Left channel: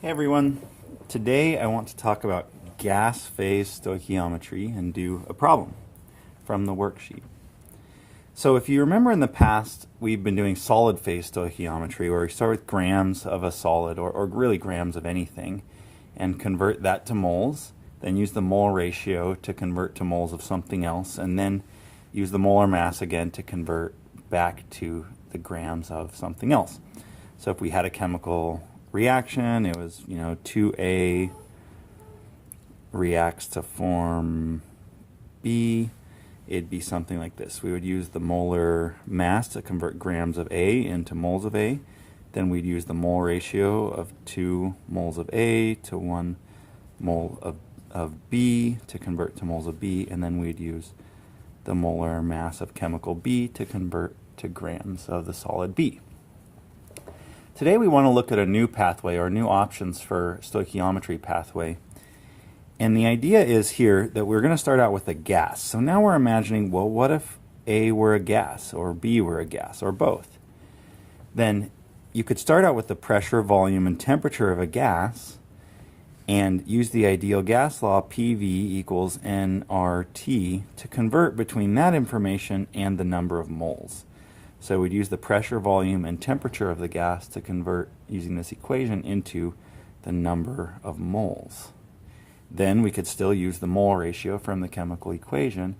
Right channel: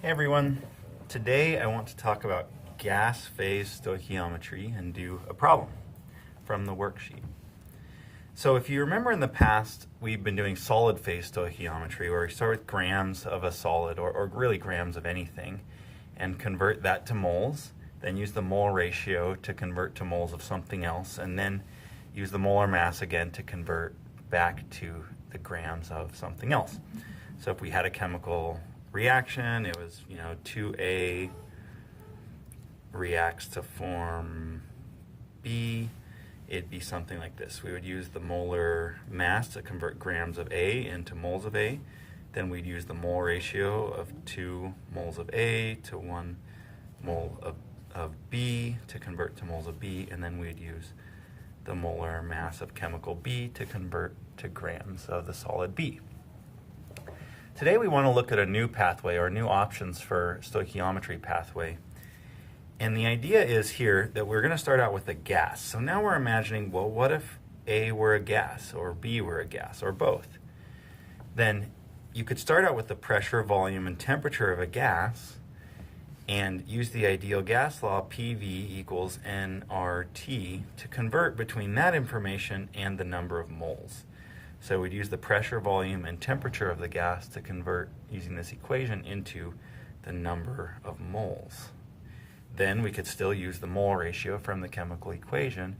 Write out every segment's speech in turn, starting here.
Hey everyone, today I want to talk about gas phase stoichiometry and do a problem from the worksheet. So if you remember in the past, we've been doing solid phase stoichiometry where we start with grams of a solid or really grams of anything and convert that to moles, then use the mole ratio to convert to moles of something else, and then use the molar mass again to convert back to the grams of something else. So if we had a chemical reaction, it was, 2A reacts to form B, it'd be something like this. We would use the molar mass to convert grams of A into moles of A. Then we'd use the mole ratio of 2 moles of A to 1 mole of B to convert to moles of B, and then we'd use the molar mass of chemical B to convert to grams of the solid B. Today we want to look at a new pathway or new options for stoichiometry pathway. And the idea is here that we're going to start out with a gas. So now we're imagining, well, what if A were a gas or B were a gas or both? Then you could start out with the pressure, volume, and temperature of a gas and use the ideal gas law, PV equals nRT, to convert between that information and the number of moles. So we'd use the pressure, volume, and temperature of the gas to convert, using this equation, into the number of moles. Then we could still use the mole ratio from the chemical equation.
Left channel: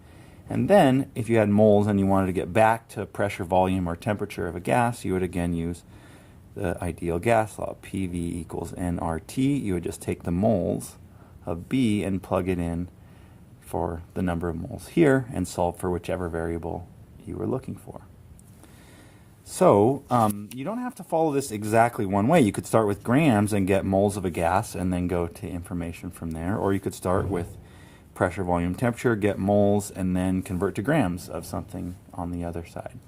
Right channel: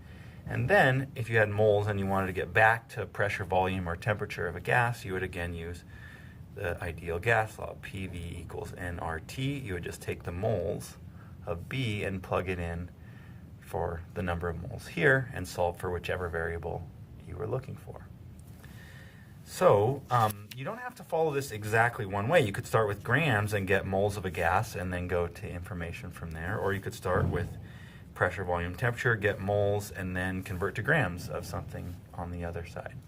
And then, if you had moles and you wanted to get back to pressure, volume, or temperature of a gas, you would again use the ideal gas law, PV equals nRT. You would just take the moles of B and plug it in for the number of moles here and solve for whichever variable you were looking for. So you don't have to follow this exactly one way. You could start with grams and get moles of a gas and then go to information from there. Or you could start with pressure, volume, temperature, get moles, and then convert to grams of something on the other side.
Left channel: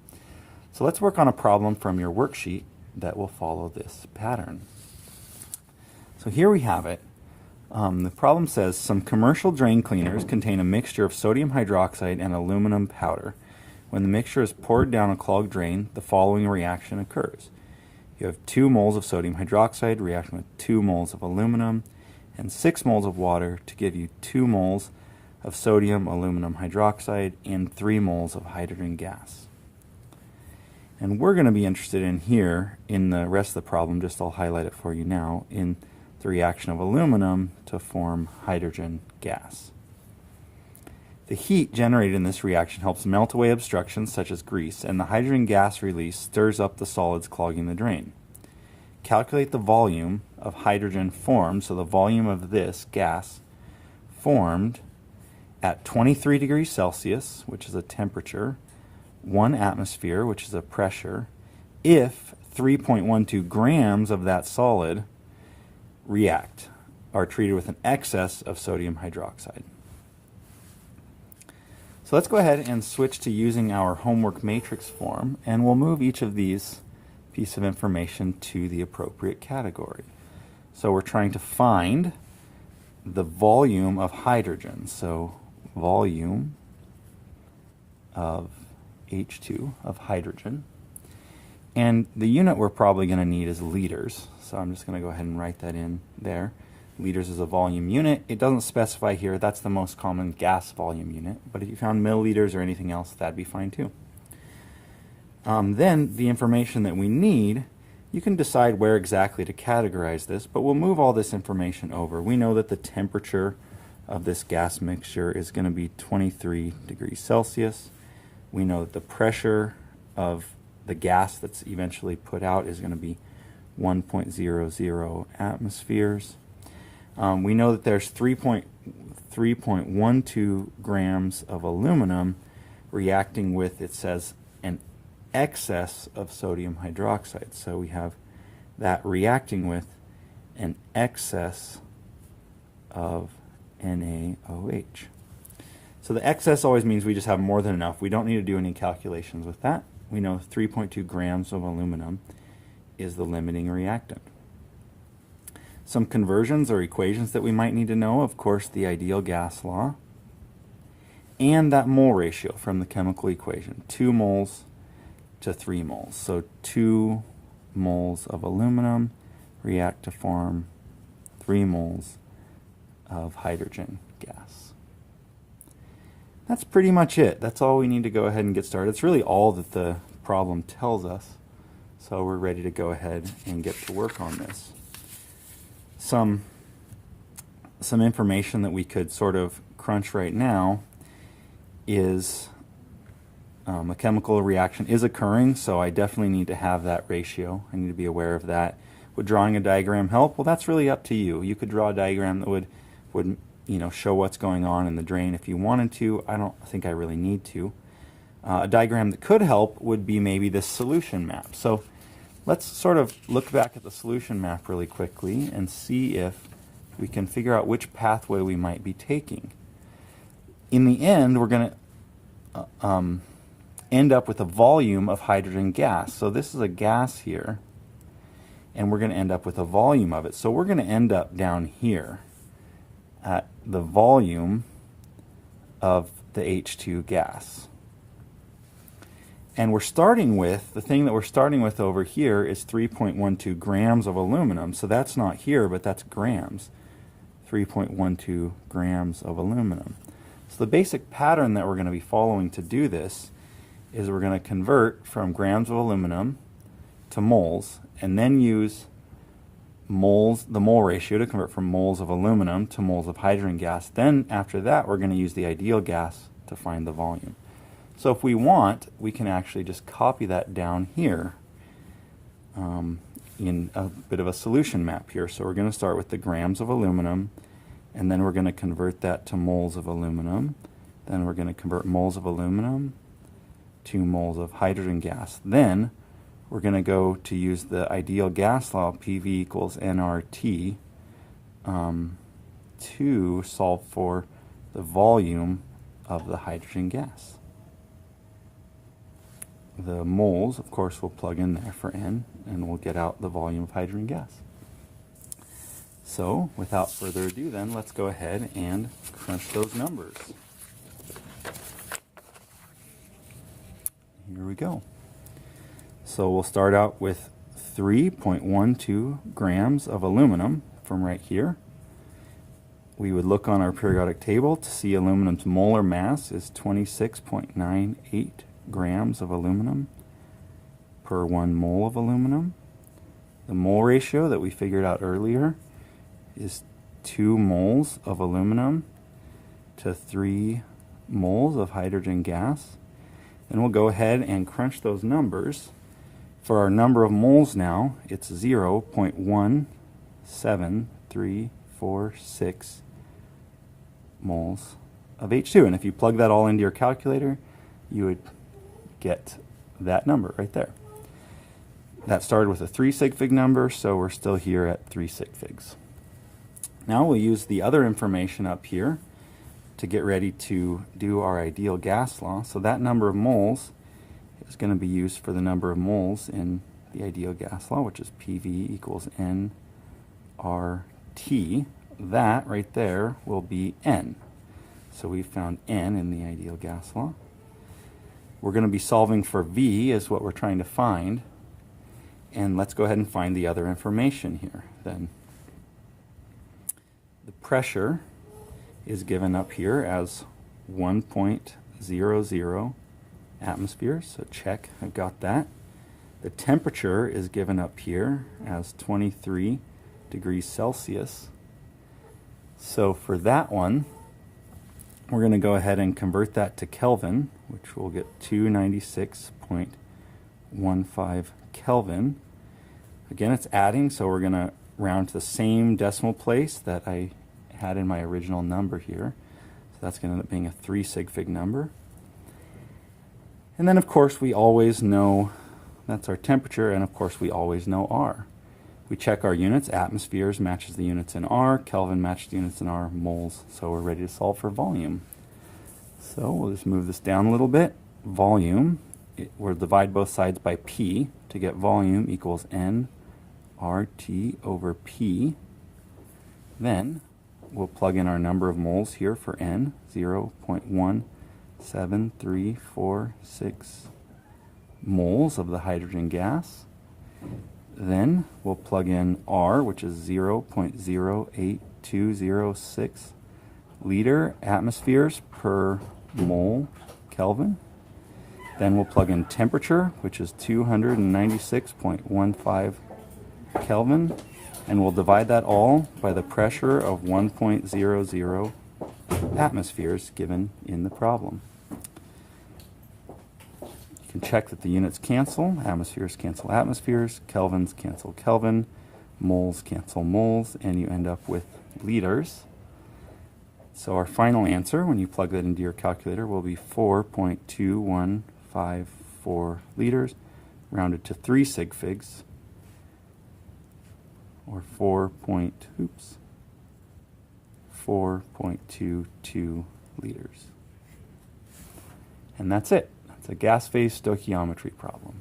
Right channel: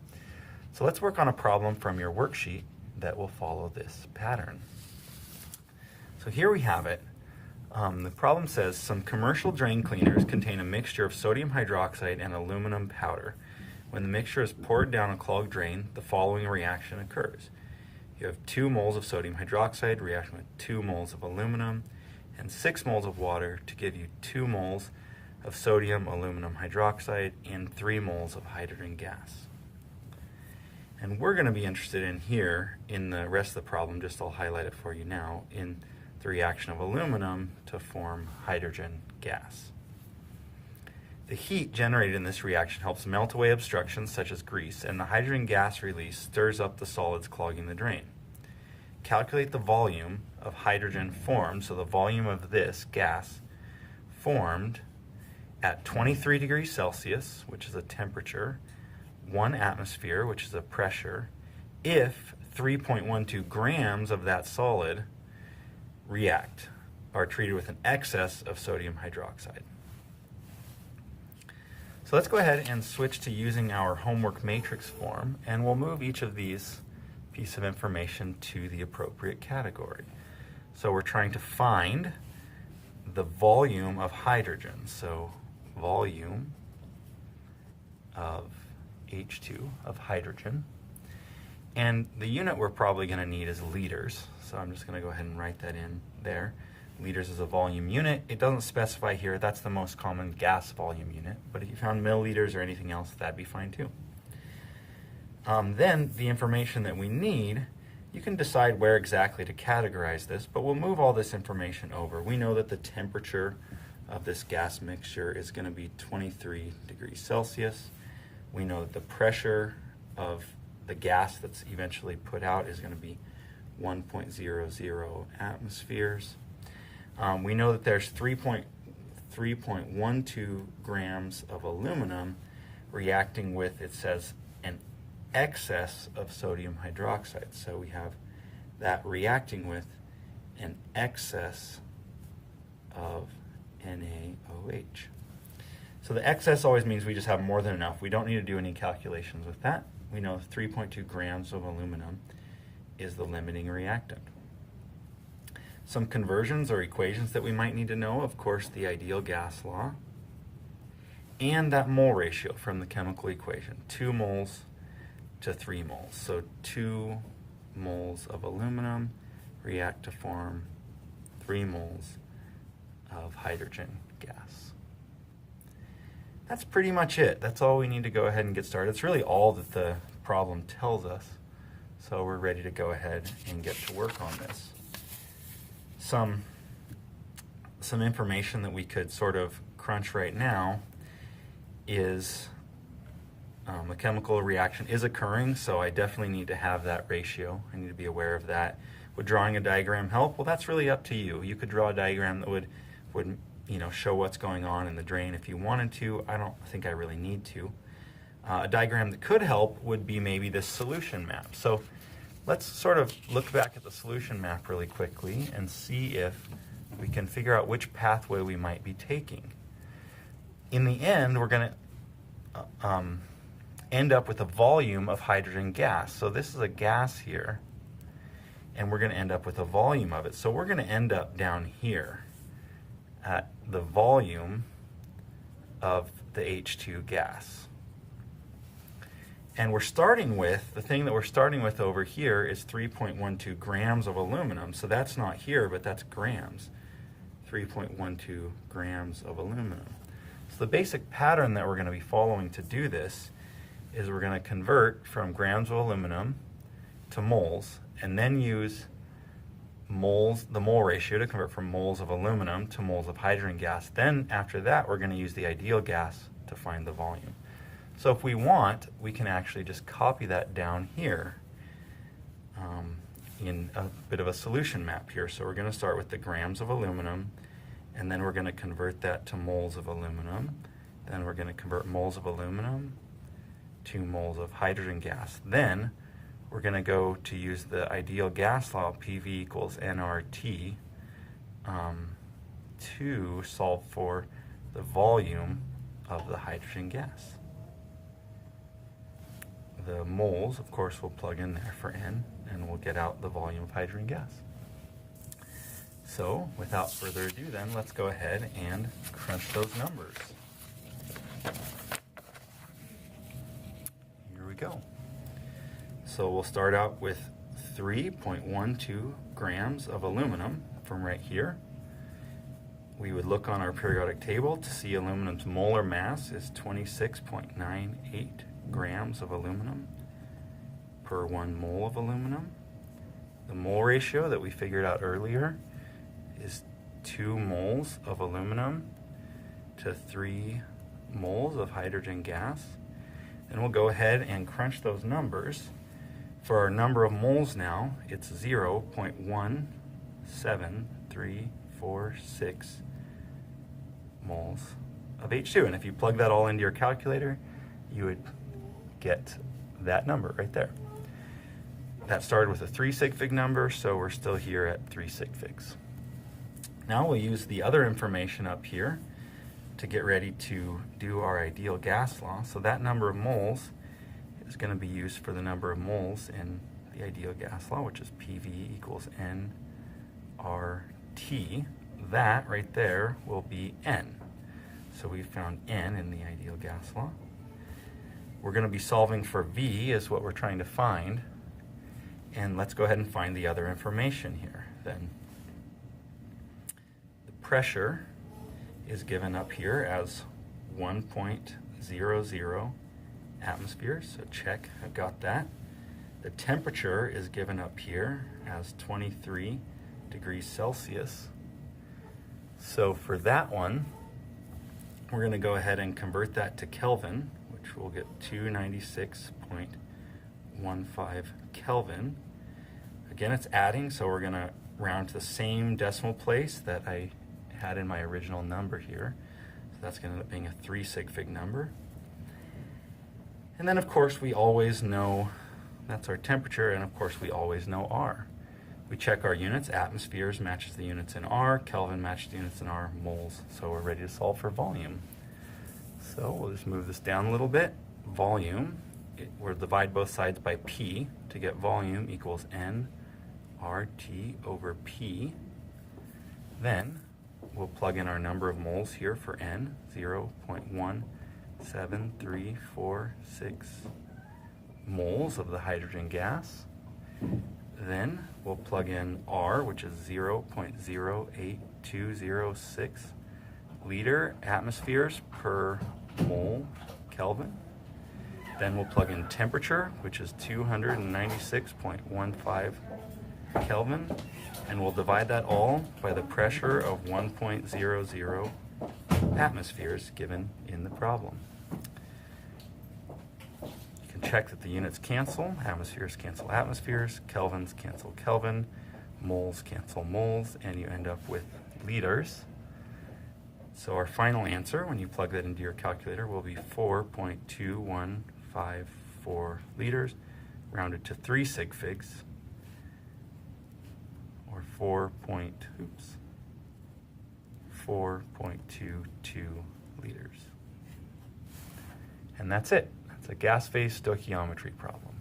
So let's work on a problem from your worksheet that will follow this pattern. So here we have it. The problem says some commercial drain cleaners contain a mixture of sodium hydroxide and aluminum powder. When the mixture is poured down a clogged drain, the following reaction occurs. You have 2 moles of sodium hydroxide reacting with 2 moles of aluminum and 6 moles of water to give you 2 moles of sodium aluminum hydroxide and 3 moles of hydrogen gas. And we're going to be interested in here, in the rest of the problem, just I'll highlight it for you now, in the reaction of aluminum to form hydrogen gas. The heat generated in this reaction helps melt away obstructions such as grease, and the hydrogen gas release stirs up the solids clogging the drain. Calculate the volume of hydrogen formed, so the volume of this gas formed at 23 degrees Celsius, which is a temperature, 1 atmosphere, which is a pressure, if 3.12 grams of that solid are treated with an excess of sodium hydroxide. So let's go ahead and switch to using our homework matrix form, and we'll move each of these pieces of information to the appropriate category. So we're trying to find the volume of hydrogen. So volume of H2 of hydrogen. And the unit we're probably going to need is liters. So I'm just going to go ahead and write that in there. Liters is a volume unit. It doesn't specify here. That's the most common gas volume unit. But if you found milliliters or anything else, that'd be fine too. Then the information that we need, you can decide where exactly to categorize this, but we'll move all this information over. We know that the temperature of this gas mixture is going to be 23 degrees Celsius. We know that the pressure of the gas that's eventually put out is going to be 1.00 atmospheres. We know that there's 3.12 grams of aluminum reacting with, it says, an excess of sodium hydroxide. So we have that reacting with an excess of NaOH. So the excess always means we just have more than enough. We don't need to do any calculations with that. We know 3.2 grams of aluminum is the limiting reactant. Some conversions or equations that we might need to know, of course, the ideal gas law, and that mole ratio from the chemical equation, 2 moles to 3 moles. So 2 moles of aluminum react to form 3 moles of hydrogen gas. That's pretty much it. That's all we need to go ahead and get started. It's really all that the problem tells us. So we're ready to go ahead and get to work on this. Some information that we could sort of crunch right now is a chemical reaction is occurring, so I definitely need to have that ratio. I need to be aware of that. Would drawing a diagram help? Well, that's really up to you. You could draw a diagram that would show what's going on in the drain if you wanted to. I don't think I really need to. A diagram that could help would be maybe this solution map. So let's sort of look back at the solution map really quickly and see if we can figure out which pathway we might be taking. In the end, we're going to end up with a volume of hydrogen gas. So this is a gas here, and we're going to end up with a volume of it. So we're going to end up down here at the volume of the H2 gas. And we're starting with, the thing that we're starting with over here is 3.12 grams of aluminum. So that's not here, but that's grams. 3.12 grams of aluminum. So the basic pattern that we're going to be following to do this is we're going to convert from grams of aluminum to moles, and then use moles, the mole ratio, to convert from moles of aluminum to moles of hydrogen gas. Then after that, we're going to use the ideal gas to find the volume. So if we want, we can actually just copy that down here in a bit of a solution map here. So we're going to start with the grams of aluminum, and then we're going to convert that to moles of aluminum. Then we're going to convert moles of aluminum to moles of hydrogen gas. Then we're going to go to use the ideal gas law, PV equals nRT, to solve for the volume of the hydrogen gas. The moles, of course, we'll plug in there for N, and we'll get out the volume of hydrogen gas. So, without further ado then, let's go ahead and crunch those numbers. Here we go. So we'll start out with 3.12 grams of aluminum from right here. We would look on our periodic table to see aluminum's molar mass is 26.98 grams of aluminum per 1 mole of aluminum. The mole ratio that we figured out earlier is 2 moles of aluminum to 3 moles of hydrogen gas. And we'll go ahead and crunch those numbers. For our number of moles now, it's 0.17346 moles of H2. And if you plug that all into your calculator, you would get that number right there. That started with a 3 sig fig number, so we're still here at 3 sig figs. Now we'll use the other information up here to get ready to do our ideal gas law. So that number of moles is going to be used for the number of moles in the ideal gas law, which is PV equals nRT. That right there will be N. So we found N in the ideal gas law. We're going to be solving for V is what we're trying to find. And let's go ahead and find the other information here then. The pressure is given up here as 1.00 atmospheres, so check, I've got that. The temperature is given up here as 23 degrees Celsius. So for that one, we're going to go ahead and convert that to Kelvin, which will get 296.15 Kelvin. Again, it's adding, so we're going to round to the same decimal place that I had in my original number here. So that's going to end up being a 3 sig fig number. And then, of course, we always know that's our temperature, and of course, we always know R. We check our units. Atmospheres matches the units in R. Kelvin matches the units in R. Moles. So we're ready to solve for volume. So we'll just move this down a little bit. Volume, we'll divide both sides by P to get volume equals nRT over P. Then we'll plug in our number of moles here for N, 0.17346 moles of the hydrogen gas. then we'll plug in R, which is 0.08206 liter atmospheres per mole Kelvin. Then we'll plug in temperature, which is 296.15 Kelvin, and we'll divide that all by the pressure of 1.00 atmospheres given in the problem. You can check that the units cancel. Atmospheres cancel atmospheres, kelvins cancel Kelvin, moles cancel moles, and you end up with liters. So our final answer, when you plug that into your calculator, will be 4.2154 liters, rounded to 3 sig figs, or 4.22 liters. And that's it. That's a gas phase stoichiometry problem.